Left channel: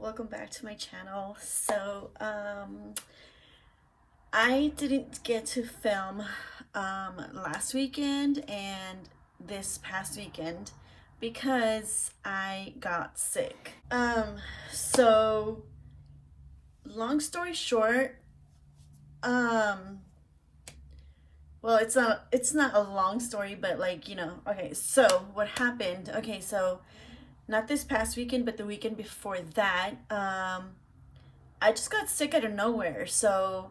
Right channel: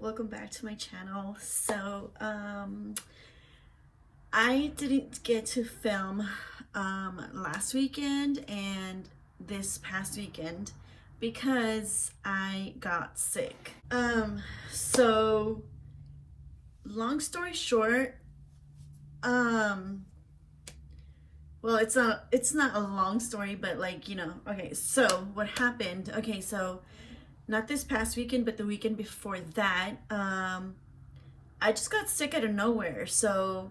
welcome back to my channel. So I didn't get to film last weekend and this past weekend because I got sick. So long story short, well, it's not a long story, but okay, so what happened? Okay, so not this past weekend, but the weekend before that, I just got sick out of nowhere. So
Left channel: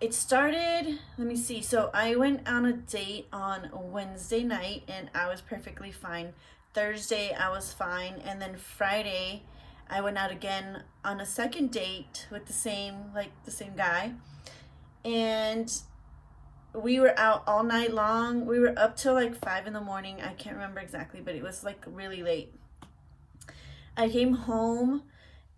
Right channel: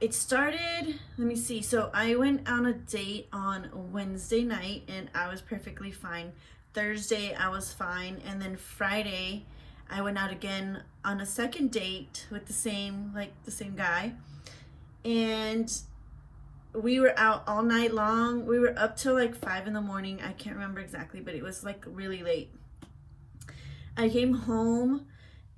it started, let me see. So I went on a date on Wednesday night and I was perfectly fine. Thursday, I was fine. And then Friday, I went out again on a second date with the same guy. And we were out all night long. We were up till like 5 in the morning. I can't remember exactly, but it was like really late. I came home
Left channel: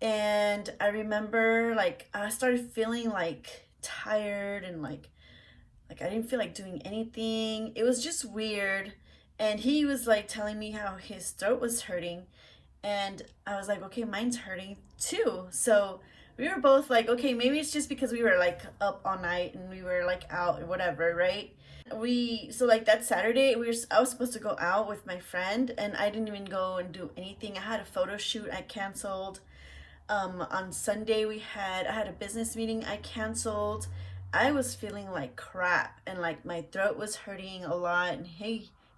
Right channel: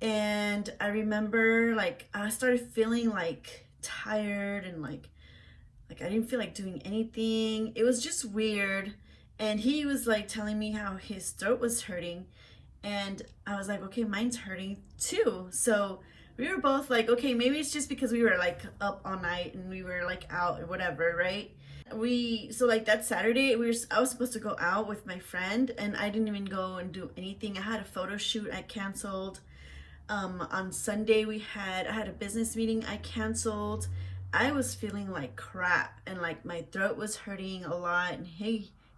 and I remember I started feeling like tired and like I didn't feel like doing anything. It was just weird. And he was like telling me how his throat was hurting. And I was like, okay, mine's hurting too. So we were both like, okay, maybe it's just because we were like up all night and we were like out or whatever, right? So like that Saturday, I was supposed to go out with my friend and I didn't even go and do anything. I had a photo shoot I canceled. On Sunday I had a business meeting I canceled. I was feeling like crap and like my throat was hurting a lot, and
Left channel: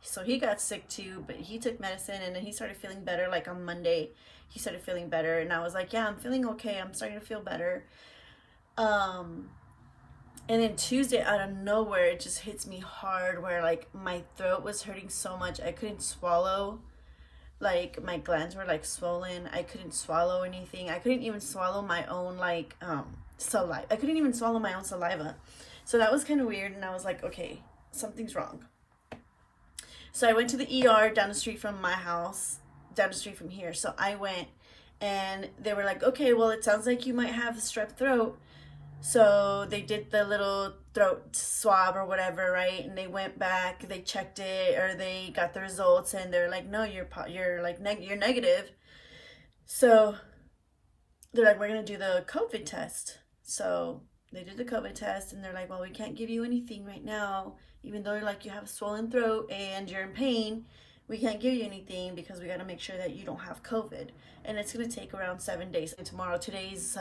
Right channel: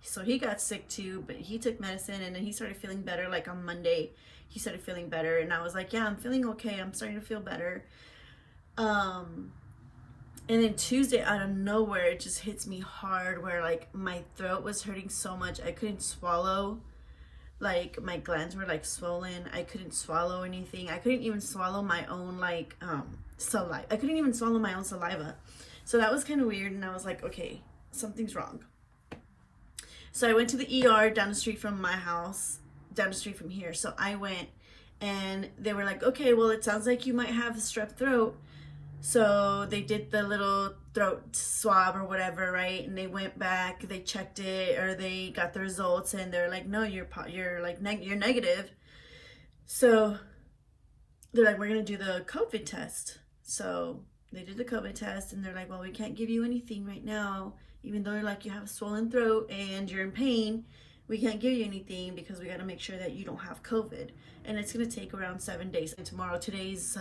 so he got sick too, but he took medicine and then he started feeling better. Like on Monday he started feeling better and I was like, yeah, I'm feeling okay, I'm starting to feel better. And then Tuesday, out of nowhere, it just hits me hard where like my throat was hurting so much I couldn't swallow. Like my glands were like swollen. I couldn't swallow anything. I couldn't even swallow my own saliva. I couldn't even swallow my own saliva. So that was kind of weird, and I was like, okay, something's wrong. So I went to the ER down the street from my house, down the street from here. So I went and they were like, okay, well, it sounds like you might have strep throat. So they did the little throat swab or whatever, right? And they went back, they checked it, or they got the results, and they're like, no, you're negative. So they're like, we're gonna do the COVID test. So they did the COVID test, and they're like, well, we can't give you anything right now, even though you have a swollen throat and you're in pain. We can't give you anything because we got to make sure that you don't have COVID. And it's going to take around 7 days. And today's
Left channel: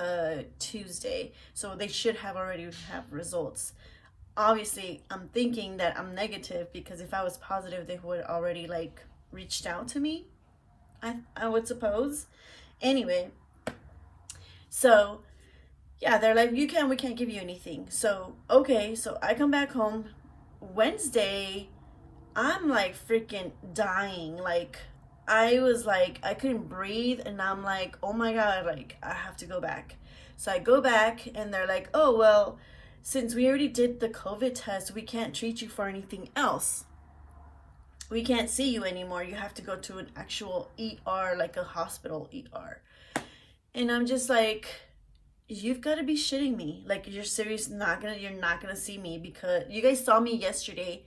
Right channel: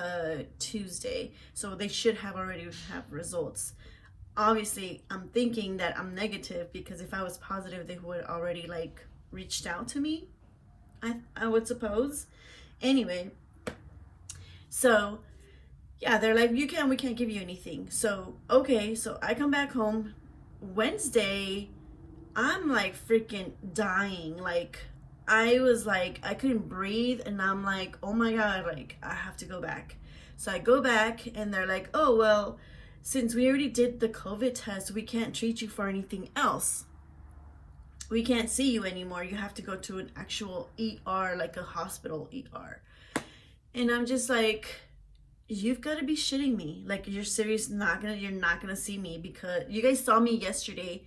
Tuesday. So they should already have results. Obviously, I'm thinking that I'm negative because if I was positive, they would already reached out to me. I would suppose. Anyway. So yeah, they're like, we can't give you anything. So, okay. So I come back home Wednesday. I'm like freaking dying. I was like, I couldn't breathe, and I'm like, oh my God, I have to go back. So I go back and they're like, oh, well, since we already did the COVID test, we can't treat you for anything else. We can't see you anymore. You have to go to an actual ER, like a hospital ER. And I'm just like, you've got to be shitting me. Like, you're serious? You're not gonna see me because you guys saw me yesterday.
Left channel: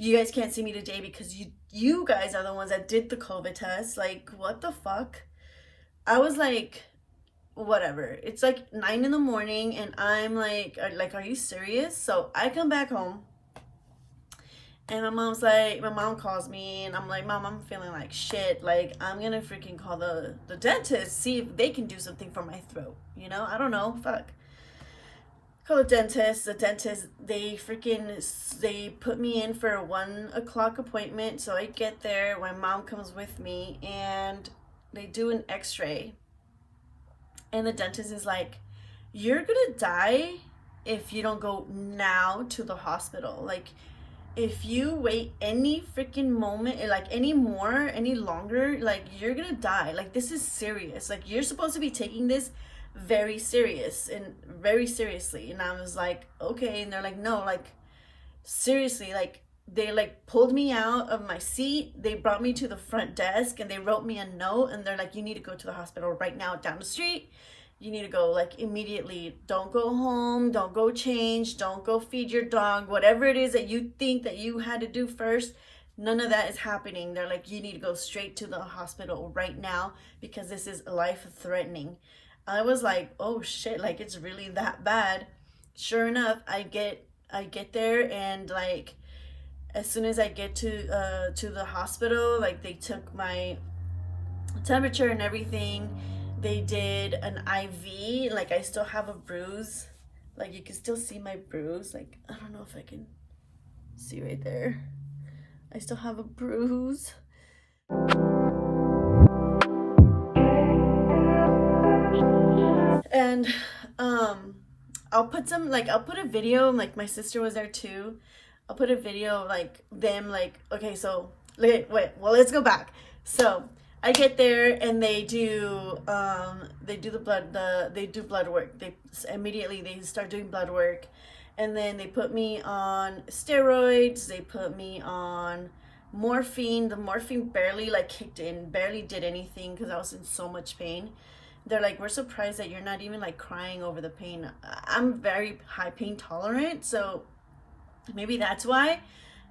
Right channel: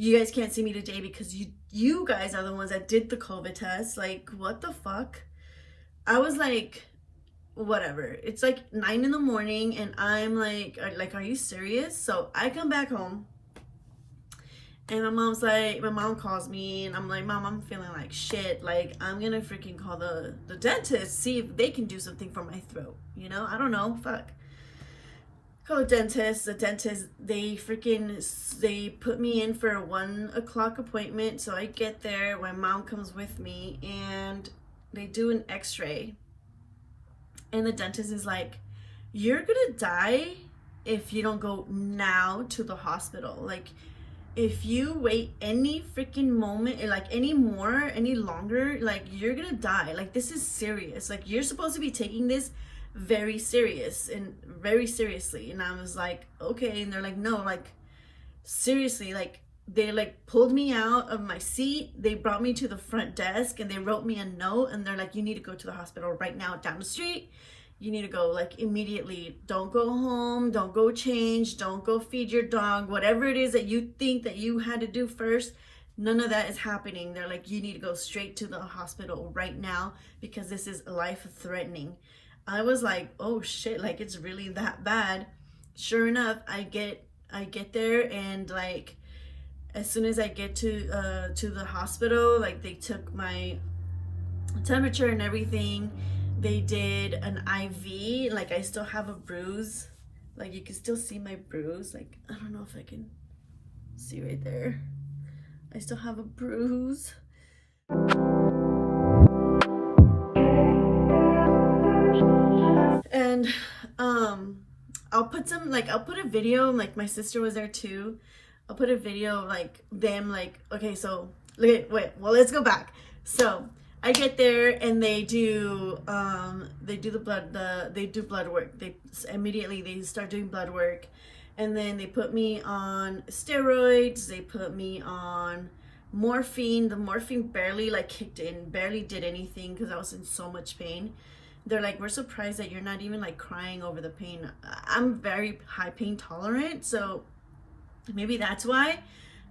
You guys can't see me today because you guys are the ones that did the COVID test. Like, what the fuck? I was like, whatever. It's like 9 in the morning and I'm like, are you serious? So I come back home and my mom calls me and I'm like, Mom, I'm feeling like shit. Like, I'm gonna freaking call the dentist, see if they can do something for my throat. I don't know, fuck. Call the dentist. They put me in for a 1 o'clock appointment. So I get there, my mom comes with me and they do an x-ray. And the dentist is like, you're gonna die if you don't go now to the hospital. Like, if you wait any freaking moment, any longer, you're gonna die. Like, this is serious. Like, you're supposed to be taking this very seriously. And I was like, okay. And they're like, no, seriously, they pulled me out of my seat. They brought me to the front desk and they wrote me a note and they're like, you need to go to the hospital right now down the street. You need to go immediately. Don't go home, don't go change, don't go feed your dog, whatever it is that you think that you had to do first. None of that is happening. They're like, you need to go straight to the hospital right now because this is life threatening. I was like, oh shit, like it's really that bad. Sure enough, I get there, and like as soon as I get to the hospital, like they took my temperature and everything. They did an IV. Like I still have a bruise. Like you can still see my bruise. Like I don't know if I can see right there. I still have a bruise. And I'll put a video, like my sister was there too. I'll put a video of like them, like, okay, so wait, well, let's go back. So I get there and they do blood work. They immediately start doing blood work, and then they put me on steroids. They put me on morphine. The morphine barely like kicked in, barely did anything because I was in so much pain. They're like, we're surprised that you're not even like crying over the pain. I'm very high pain tolerant, so maybe that's why.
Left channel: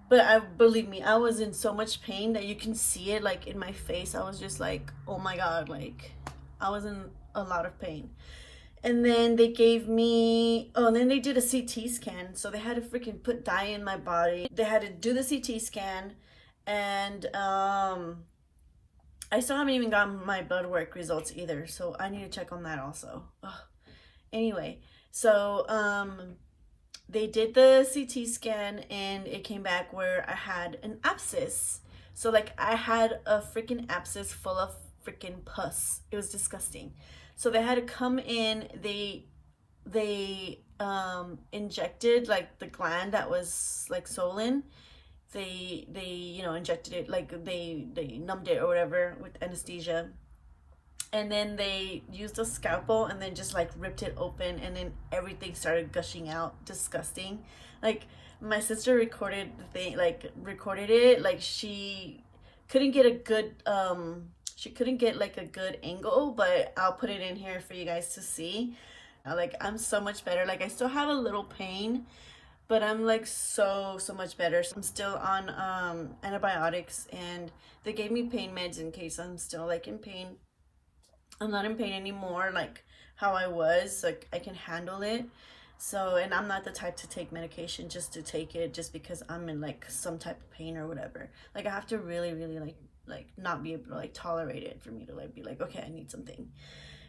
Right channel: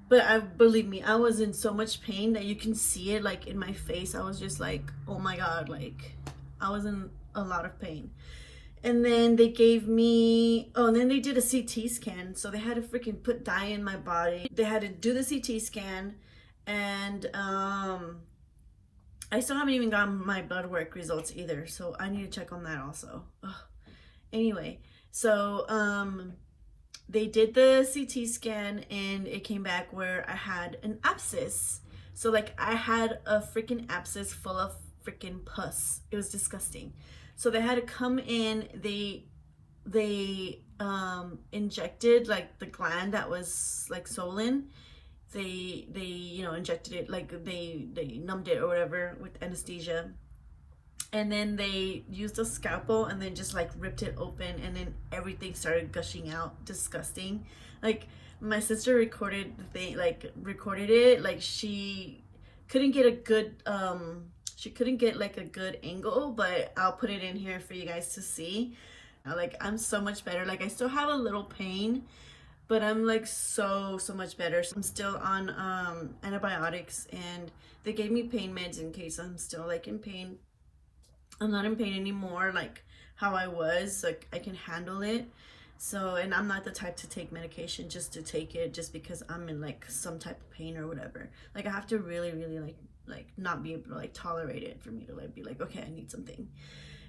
But believe me, I was in so much pain that you can see it like in my face. I was just like, oh my God, like I was in a lot of pain. And then they gave me, and then they did a CT scan. So they had to freaking put dye in my body. They had to do the CT scan, and I still haven't even gotten my blood work results either, so I need to check on that also. Ugh. Anyway, so they did the CT scan and it came back where I had an abscess. So like I had a freaking abscess full of freaking pus. It was disgusting. So they had to come in. They injected like the gland that was like swollen. They injected it, like they numbed it or whatever with anesthesia, and then they used a scalpel and then just like ripped it open, and then everything started gushing out. Disgusting. Like my sister recorded it, like she couldn't get a good like a good angle, but I'll put it in here for you guys to see. Like I'm so much better. Like I still have a little pain, but I'm like so much better. So I'm still on antibiotics, and they gave me pain meds in case I'm still like in pain. I'm not in pain anymore like how I was. Like I can handle it. So, and I'm not the type to take medication just to take it just because I'm in like some type of pain or whatever. Like I have to really like not be able to like tolerate it for me to like be like, okay, I need something.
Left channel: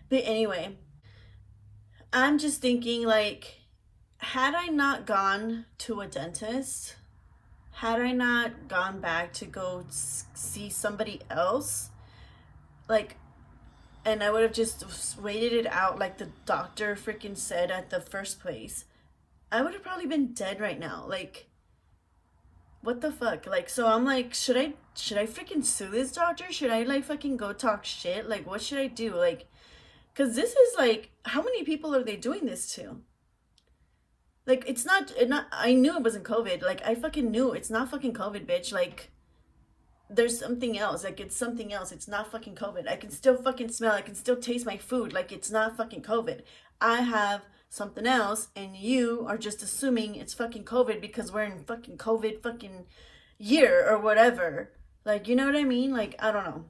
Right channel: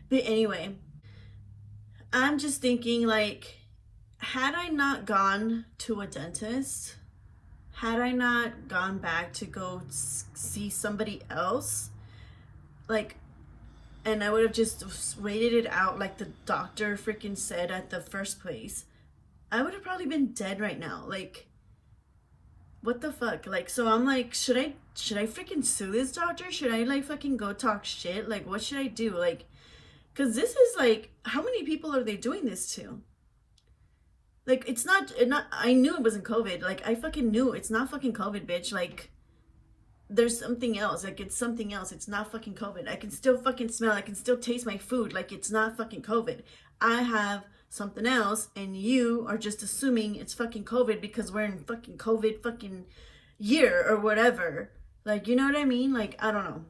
But anyway, I'm just thinking like, had I not gone to a dentist, had I not gone back to go see somebody else, like, and I would have just waited it out like the doctor freaking said at the first place, I would have probably been dead right now. Like, what the fuck? Like, so I'm like, should I freaking sue this doctor? Should I like fucking go talk shit? Like, what should I do? Like, because this is like, how many people are they doing this to? Like, it's not, I knew it wasn't COVID. Like, I fucking knew it's not fucking COVID, bitch. Like, there's something else. Like, it's something else. It's not fucking COVID. I can still fucking smell. I can still taste my food. Like, it's not fucking COVID. I have something else, and you are just assuming it's fucking COVID because we're in fucking COVID fucking year or whatever. Like, you know what I mean? Like, I don't know.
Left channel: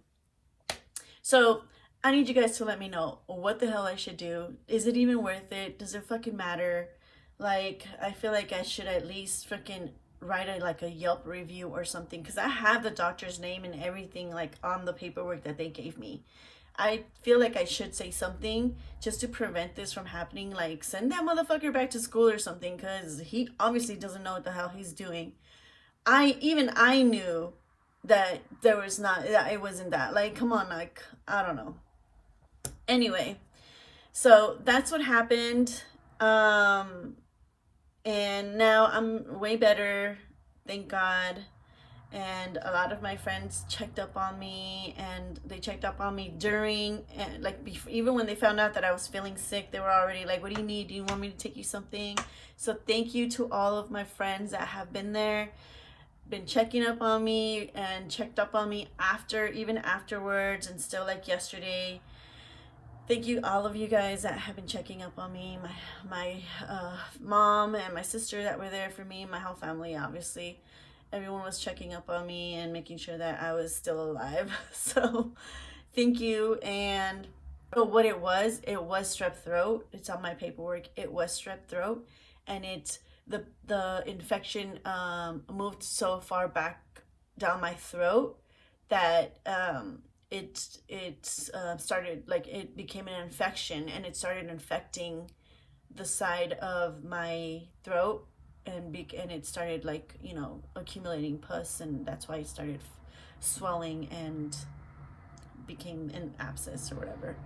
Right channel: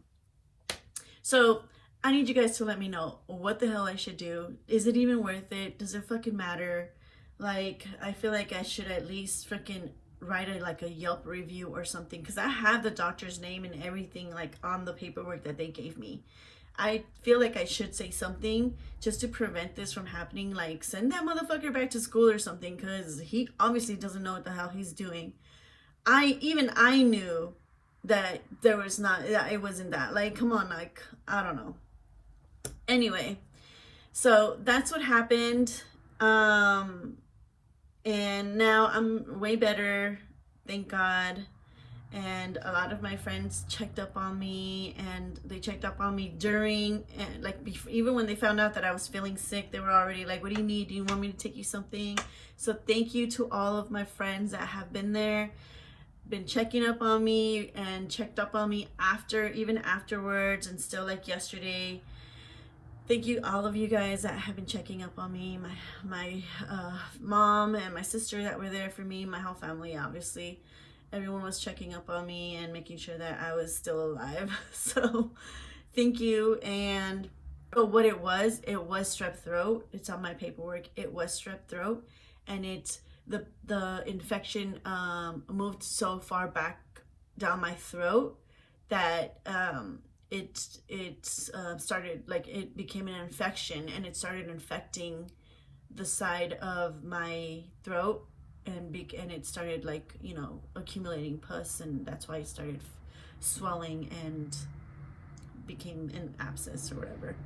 So, I need you guys to let me know what the hell I should do. Is it even worth it? Does it fucking matter? Like, I feel like I should at least freaking write a Yelp review or something, because I have the doctor's name and everything like on the paperwork that they gave me. I feel like I should say something just to prevent this from happening. Like, send that motherfucker back to school or something, because he obviously doesn't know what the hell he's doing. I knew that it wasn't that. Like, come on, like, I don't know. Anyway, so that's what happened. And now I'm way better, thank God. And a lot of my friends checked up on me, and they checked up on me during, and like even when they found out that I was feeling sick, they were already like, what do you need? Do you want me to take you something? So thank you to all of my friends that have been there, been checking up on me, and checked up on me even afterwards, and still like yesterday. Thank you, all of you guys that have been checking up on me, my mom and my sister that were there for me, my whole family, obviously. Everyone was checking up on me and making sure that I was still alive. So thank you. And So what it was strep throat. It's on my paperwork. It was strep throat, and it's the infection moved so far back down my throat that it started, like, it became an infection, and it started infecting the side of my throat, and it started, like, you know, accumulating pus, and that's why it started swelling and became an abscess or whatever.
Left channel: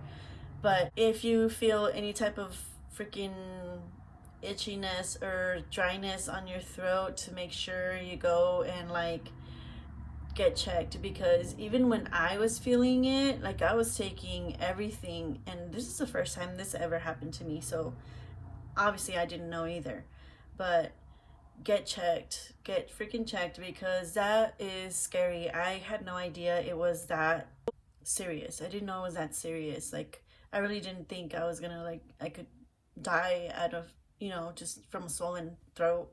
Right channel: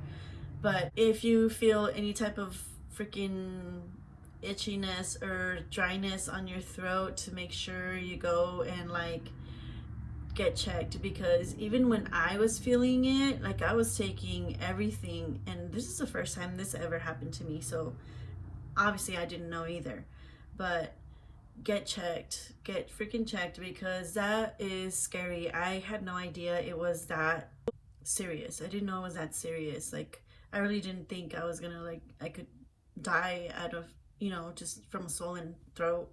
But if you feel any type of freaking itchiness or dryness on your throat, to make sure you go and, like, get checked, because even when I was feeling it, like, I was taking everything, and this is the first time this ever happened to me, so obviously I didn't know either. But get checked, get freaking checked, because that is scary. I had no idea it was that serious. I didn't know it was that serious. Like, I really didn't think I was gonna, like, I could die out of, you know, just from a swollen throat,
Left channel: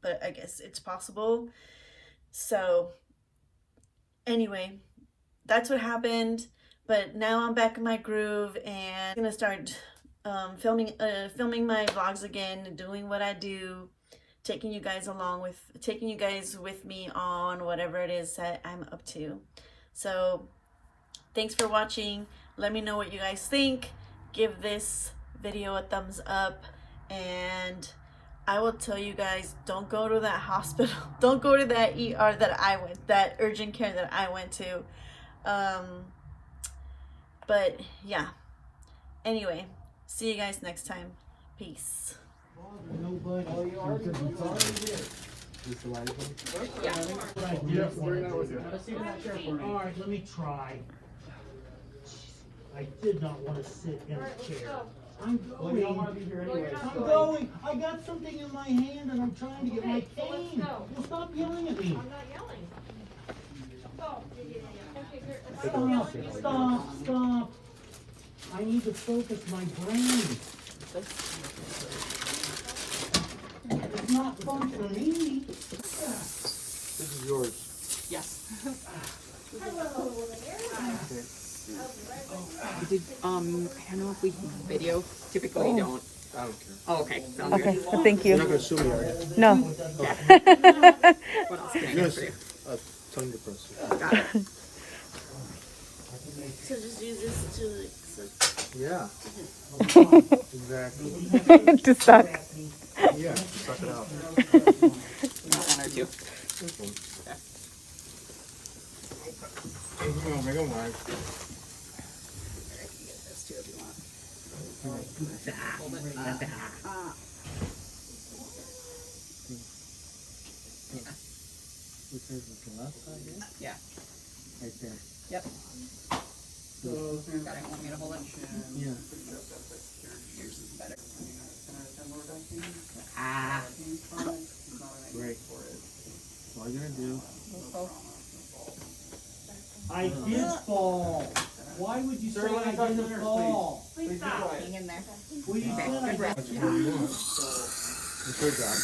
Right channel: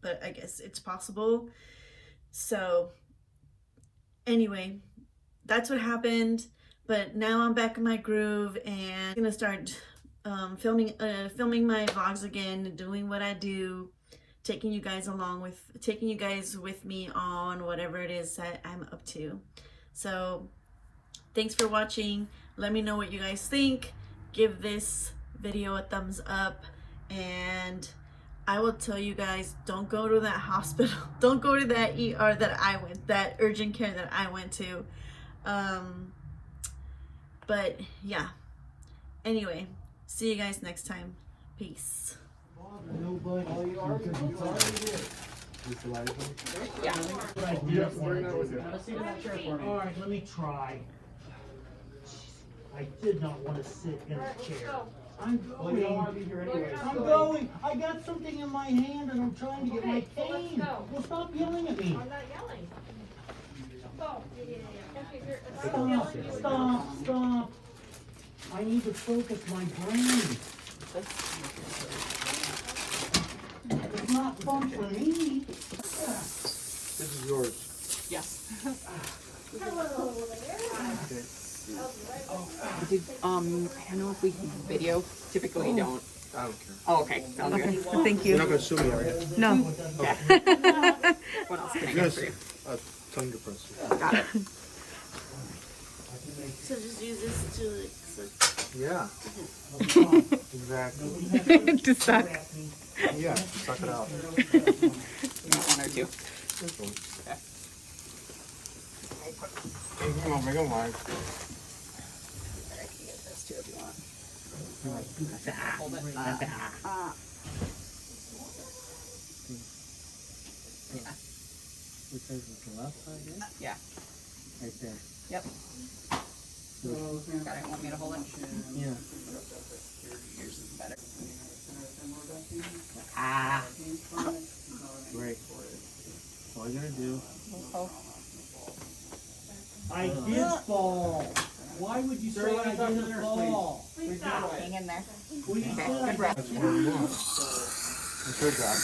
but I guess it's possible. So anyway, that's what happened. But now I'm back in my groove, and I'm gonna start filming my vlogs again, doing what I do, taking you guys with me on whatever it is that I'm up to. So thanks for watching. Let me know what you guys think. Give this video a thumbs up, and I will tell you guys, don't go to that hospital. Don't go to that ER that urgent care that I went to. But yeah, anyway, see you guys next time. Peace. All right, let me try. I did not want to sit in a chair. I'm going. Well, you don't want to be here anyway. I'm going. I got something in my hand and I'm trying to get my cane. Well, stop yelling at me. I'm not yelling. Stop. I need to focus my brain. It's not fun for me. This is yours. Yes. Hello. I don't know if we can video. Typically don't. I don't care. Oh, okay. Sounds Okay, good. well, thank You're not you. going to sue me, are you? No. What else can I You're do for you? tongue depressor. Got it. So just use this to, like, Yeah. Exactly. To suck. Yeah, suck it out. One or two. This one. Come on, make it wide. There's two if you want. Which is the left side here? Yeah. Right there. Yep. Got it. Want me to hold it? Yeah. Yours is better. Great. All you're going to do. I did fall. Why would you say I didn't fall? Please stop. Hang in there. Well, you said I Good breath. That's what you want. It's your job.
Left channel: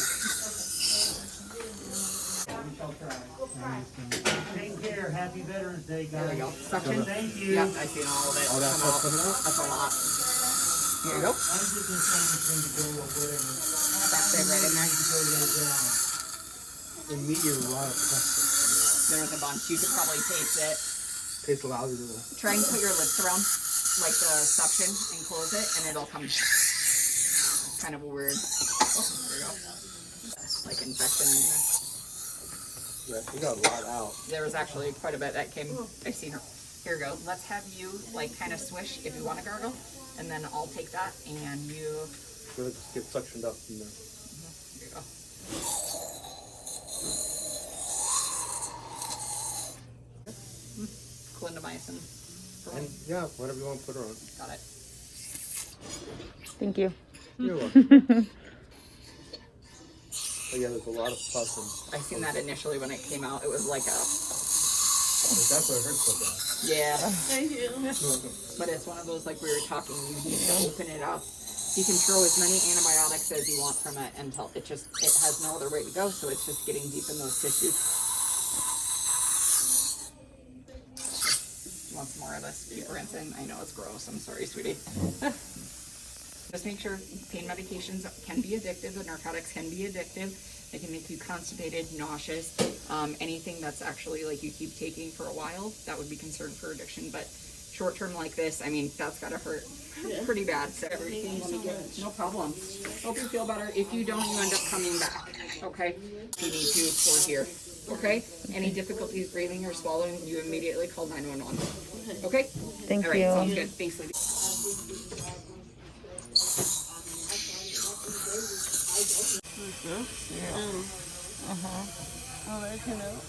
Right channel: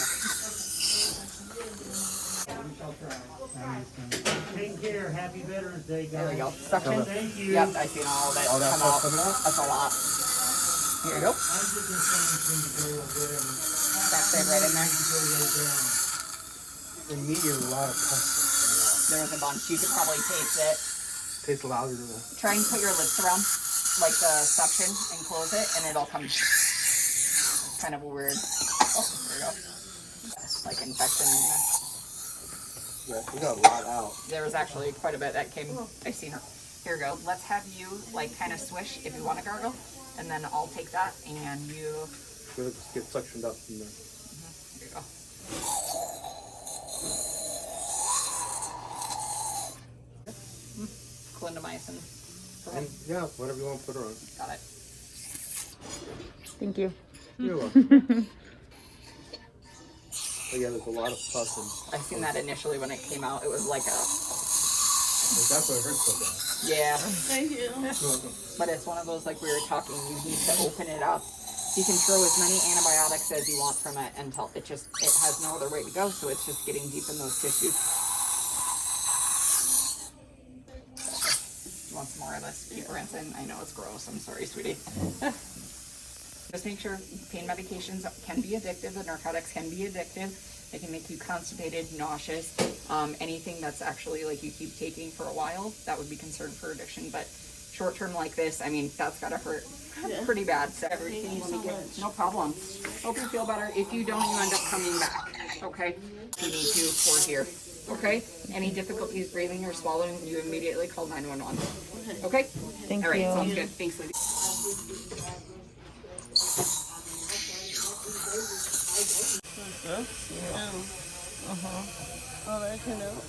Take care. Happy Veterans Day, guys. There we go. Suction. Thank you. Yep, I seen all of it. All that come stuff out. coming out? That's a lot. Here you go. I'm just saying things to go a bit and That's it right in there. go down. In me, there's a lot of pus. There's a bunch. You could probably taste it. Tastes louder than Try and put your lips around, like the suction, and close it, and it'll come. It's kind of a weird. Oh, there you go. Like infection. Yeah, you got a lot out. There was actually quite a bit that came. I seen her. Here you go. Let's have you like kind of swish if you want to gargle, and then I'll take that and you. You're going to get suctioned up from there. Here you go. Clindamycin. And yeah, whatever you want to put her on. Got it. Thank you. You're welcome. But yeah, there's a lot of pus and I seen that initially when it came out. It was like a that's what it hurts so bad. yeah. thank you. You're welcome. But it's one of those, like we were talking, you need to open it up. You can throw as many antibiotics as you want from it until it has no other way to go, so it's just getting deep in those tissues. You want wants more of this. Keep rinsing. I know it's gross. I'm sorry, sweetie. Just make sure pain medications can be addictive. The narcotics can be addictive. They can make you constipated, nauseous. Anything that's actually like you keep taking for a while, that would be considered for addiction. But short term like this, I mean, that's gotta hurt pretty bad. So everything will be good. No problem. Hope you feel better. If you don't, you end up coming back. Okay? If you need to, for here. Okay? Any difficulties breathing or swallowing, you immediately call 911. Okay? Thank All right, you. sounds good. Thanks, Lydia. Oh, that's enough.